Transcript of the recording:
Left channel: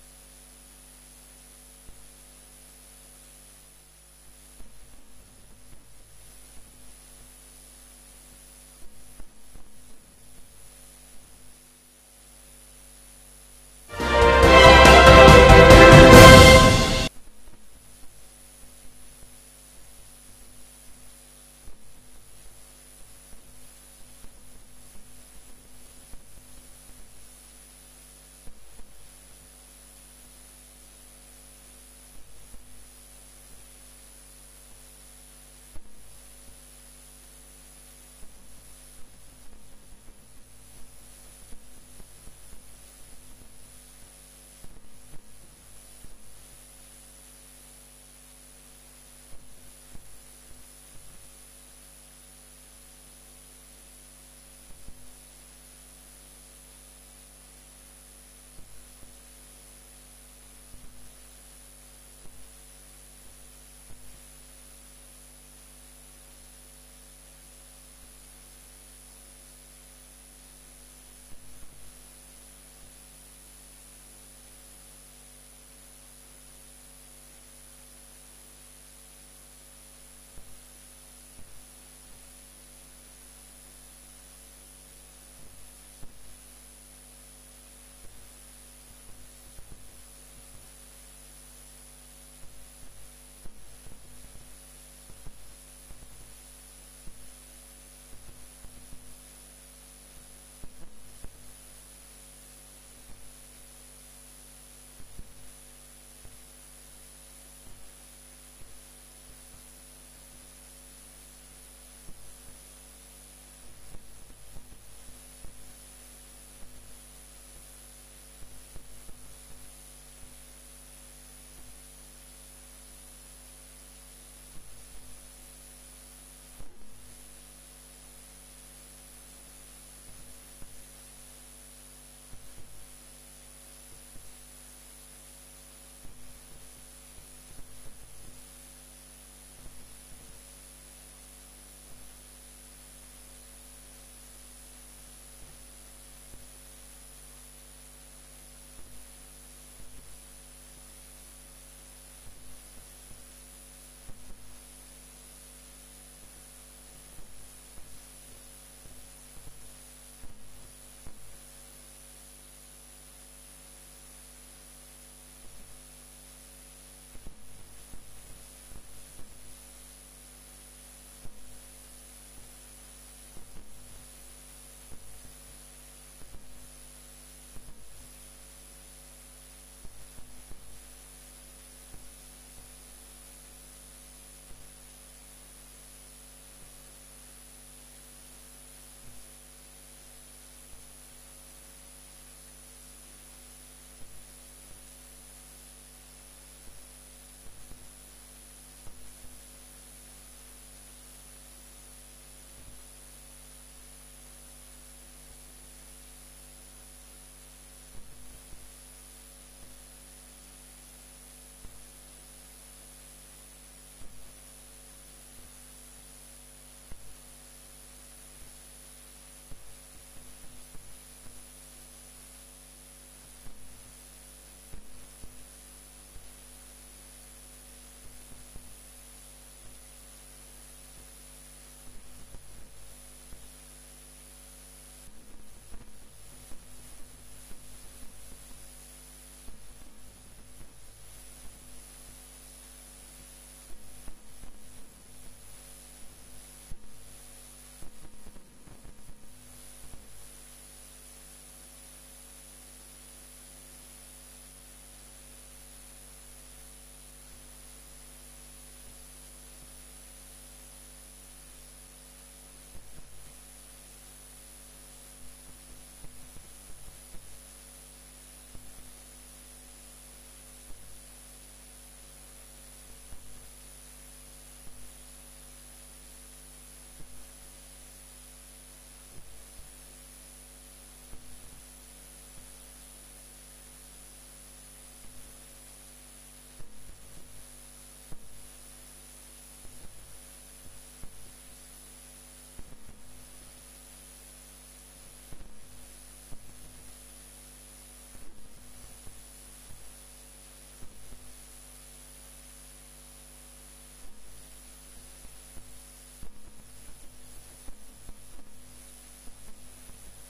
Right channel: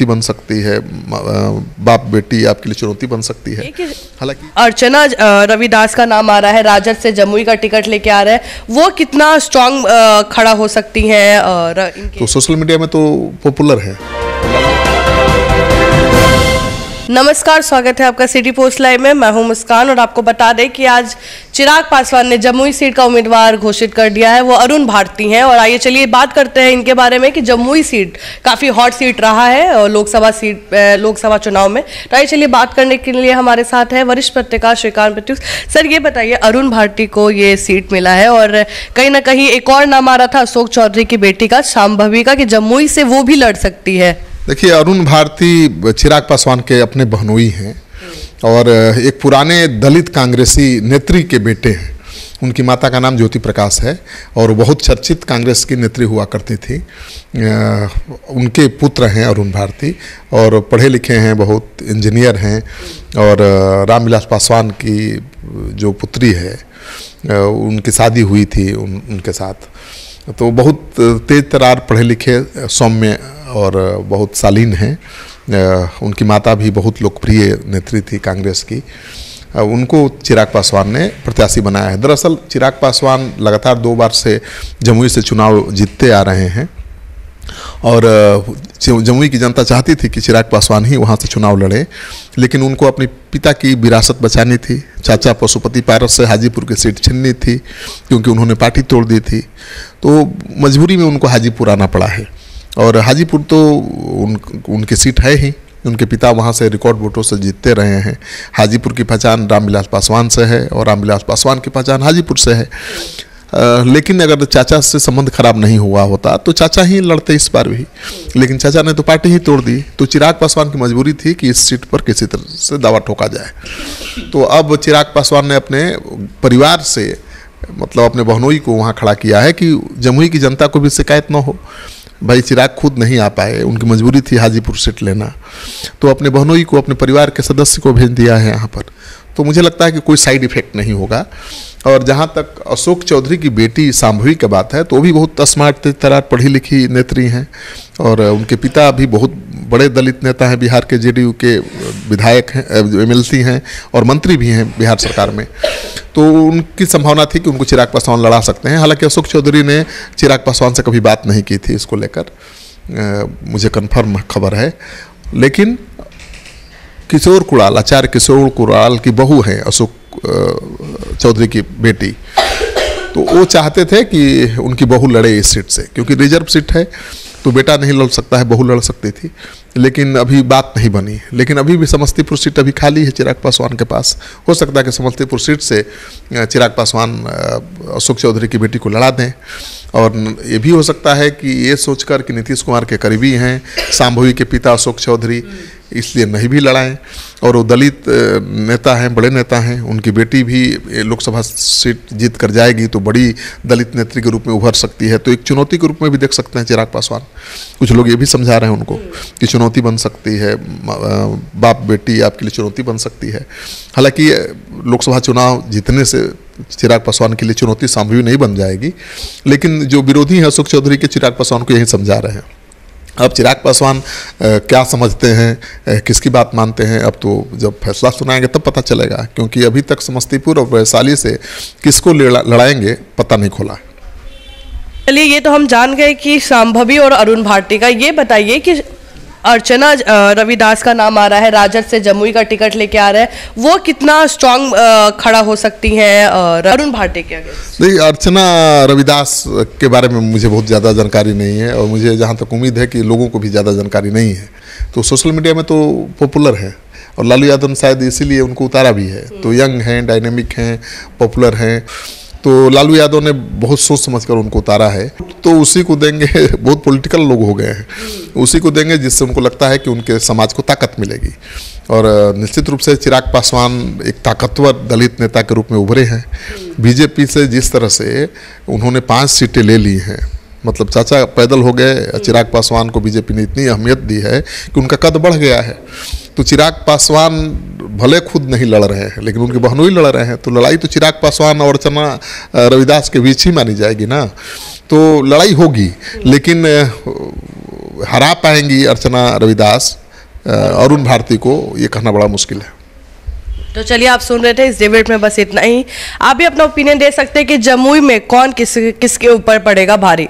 बन सकती है, बाप बेटी आपके लिए चुनौती बन सकती है। हालांकि अर्चना रविदास का नाम आ रहा है, राजद से जमुई का टिकट लेके आ रहा है, वो कितना स्ट्रांग खड़ा हो सकती हैं और तो सोशल मीडिया में तो पॉपुलर है। नमस्कार, स्वागत है आपका सिटी पोस्ट लाइव में। मैं हूं मुस्कान और आपको बता दें कि आज चिराग पासवान ने जमुई सीट का उम्मीदवार घोषित कर दिया है, वो अरुण भारती हैं। और आइए चलिए बात करते हैं इनके बारे में कि जमुई सीट काफ़ी हॉट सीट रहा है और लोकसभा चुनाव में। तो आइए चलिए बात करने के लिए हमारे साथ है वरिष्ठ पत्रकार श्रीकांत प्रत्युष। सर, ये बताइए, अरुण भारती को ये सीट मिला है और कहीं ना कहीं एक और नाम आ रहा था अशोक चौधरी की बेटी का, शांभवी का, कि जमुई से वो भी लड़ सकती है। देखिए, अरुण भारती चिराग पासवान के अपने बहनोई हैं और एक पुराने दलित कांग्रेसी नेत्री के बेटे हैं। उनकी माता का नाम ज्योति प्रकाश है और बहुत चर्चित कांग्रेस की नेत्री हुआ करती थी। उनके पुत्र हैं अरुण भारती और पढ़े लिखे हैं, बहुत इंजीनियर हैं। और रामविलास पासवान की जो पुत्री है उनकी शादी हुई थी उनके साथ। तो बहुत तेज तरार पढ़े लिखे, सौम्य और बहुत शालीन हैं। उनकी माता भी बहुत लोकप्रिय नेत्री थी कांग्रेस की। उनको चिराग पासवान ने प्रत्याशी बनाया है। दरअसल चिराग पासवान लगातार 2 बार से जमुई से चुनाव जीतते आ रहे हैं और जमुई की जनता चाहती थी कि चिराग पासवान ही वहाँ से चुनाव लड़े, लेकिन उनको अपने पिता की विरासत बचानी थी। चाचा पशुपति पारस से हाजीपुर की सीट छीननी थी क्योंकि उन्होंने पार्टी तोड़ दी थी। तो मजबूरी में उनको हाजीपुर आना पड़ा है और हाजीपुर तो उनकी सीट है ही। उनके पिता वहाँ से रिकॉर्ड वोटों से जीतते रहे हैं। हाजीपुर की पहचान रामविलास पासवान से है और रामविलास पासवान की पहचान हाजीपुर से है। लेकिन अगर चाचा से संबंध खराब नहीं हुआ होता तो चाचा ही लड़ते इस बार भी, लेकिन चाचा ने तो पार्टी ही तोड़ दी। तो चिराग पासवान की मजबूरी थी कि इस सीट पर किसी तरह से दावा ठोका जाए। तो अब चिराग पासवान ने अपने परिवार से, मतलब अपने बहनोई को वहाँ खड़ा किया है कि जमुई की जनता को भी शिकायत न हो। भाई चिराग खुद नहीं आ पाए, उनकी मजबूरी थी हाजीपुर सीट लेना, तो अपने बहनोई को, अपने परिवार के सदस्य को भेज दिया है यहाँ पर। तो मुझे लगता है कि कोई साइड इफेक्ट नहीं होगा। और जहाँ तक अशोक चौधरी की बेटी शांभवी की बात है, तो वो भी बहुत स्मार्ट, तेज तरार पढ़ी लिखी नेत्री हैं और उनके पिता भी बहुत बड़े दलित नेता हैं, बिहार के जेडीयू के विधायक हैं, एमएलसी हैं और मंत्री भी हैं बिहार सरकार में। तो उनकी संभावना थी कि उनको चिराग पासवान लड़ा सकते हैं। हालांकि अशोक चौधरी ने चिराग पासवान से कभी बात नहीं की थी इसको लेकर, मुझे कन्फर्म खबर है। लेकिन किशोर कुणाल, आचार्य किशोर कुणाल की बहू है अशोक चौधरी की बेटी, तो वो चाहते थे कि उनकी बहू लड़े इस सीट से, क्योंकि रिजर्व सीट है तो बेटा नहीं लड़ सकता है, बहू लड़ सकती थी। लेकिन अभी बात नहीं बनी। लेकिन अभी भी समस्तीपुर सीट अभी खाली है चिराग पासवान के पास। हो सकता है कि समस्तीपुर सीट से चिराग पासवान अशोक चौधरी की बेटी को लड़ा दें। और ये भी हो सकता है कि ये सोचकर कि नीतीश कुमार के करीबी हैं शांभवी के पिता अशोक चौधरी, इसलिए नहीं भी लड़ाएं। और वो दलित नेता हैं, बड़े नेता हैं, उनकी बेटी भी लोकसभा सीट जीत कर जाएगी तो बड़ी दलित नेत्री के रूप में उभर सकती है। तो एक चुनौती के रूप में भी देख सकते हैं चिराग पासवान। कुछ लोग ये भी समझा रहे हैं उनको कि चुनौती बन सकती है, बाप बेटी आपके लिए चुनौती बन सकती है। हालांकि लोकसभा चुनाव जीतने से चिराग पासवान के लिए चुनौती शांभवी नहीं बन जाएगी, लेकिन जो विरोधी हैं अशोक चौधरी के चिराग पासवान को यही समझा रहे हैं। अब चिराग पासवान क्या समझते हैं, किसकी बात मानते हैं, अब तो जब फैसला सुनाएंगे तब पता चलेगा, क्योंकि अभी तक समस्तीपुर और वैशाली से किसको लड़ाएंगे पता नहीं खोला। चलिए, ये तो हम जान गए कि शांभवी और अरुण भारती का। ये बताइए कि अर्चना रविदास का नाम आ रहा है, राजद से जमुई का टिकट लेके आ रहा है, वो कितना स्ट्रांग खड़ा हो सकती हैं और अरुण भारती के आगे? नहीं, अर्चना रविदास के बारे में मुझे बहुत ज़्यादा जानकारी नहीं है और मुझे जहाँ तक उम्मीद है कि लोगों को भी ज़्यादा जानकारी नहीं है। तो सोशल मीडिया में तो पॉपुलर है और लालू यादव ने शायद इसीलिए उनको उतारा भी है। तो यंग हैं, डायनेमिक हैं, पॉपुलर हैं, तो लालू यादव ने बहुत सोच समझकर उनको उतारा है। तो उसी को देंगे, बहुत पॉलिटिकल लोग हो गए हैं, उसी को देंगे जिससे उनको लगता है कि उनके समाज को ताकत मिलेगी। और निश्चित रूप से चिराग पासवान एक ताकतवर दलित नेता के रूप में उभरे हैं। बीजेपी से जिस तरह से उन्होंने 5 सीटें ले ली हैं, मतलब चाचा पैदल हो गए, चिराग पासवान को बीजेपी ने इतनी अहमियत दी है कि उनका कद बढ़ गया है। तो चिराग पासवान भले खुद नहीं लड़ रहे हैं लेकिन उनके बहनोई लड़ रहे हैं, तो लड़ाई तो चिराग पासवान और अर्चना रविदास के बीच ही मानी जाएगी ना। तो लड़ाई होगी, लेकिन हरा पाएंगी अर्चना रविदास अरुण भारती को, ये कहना बड़ा मुश्किल है। तो चलिए, आप सुन रहे थे इस डिबेट में बस इतना ही। आप भी अपना ओपिनियन दे सकते हैं कि जमुई में कौन किसके ऊपर पड़ेगा भारी।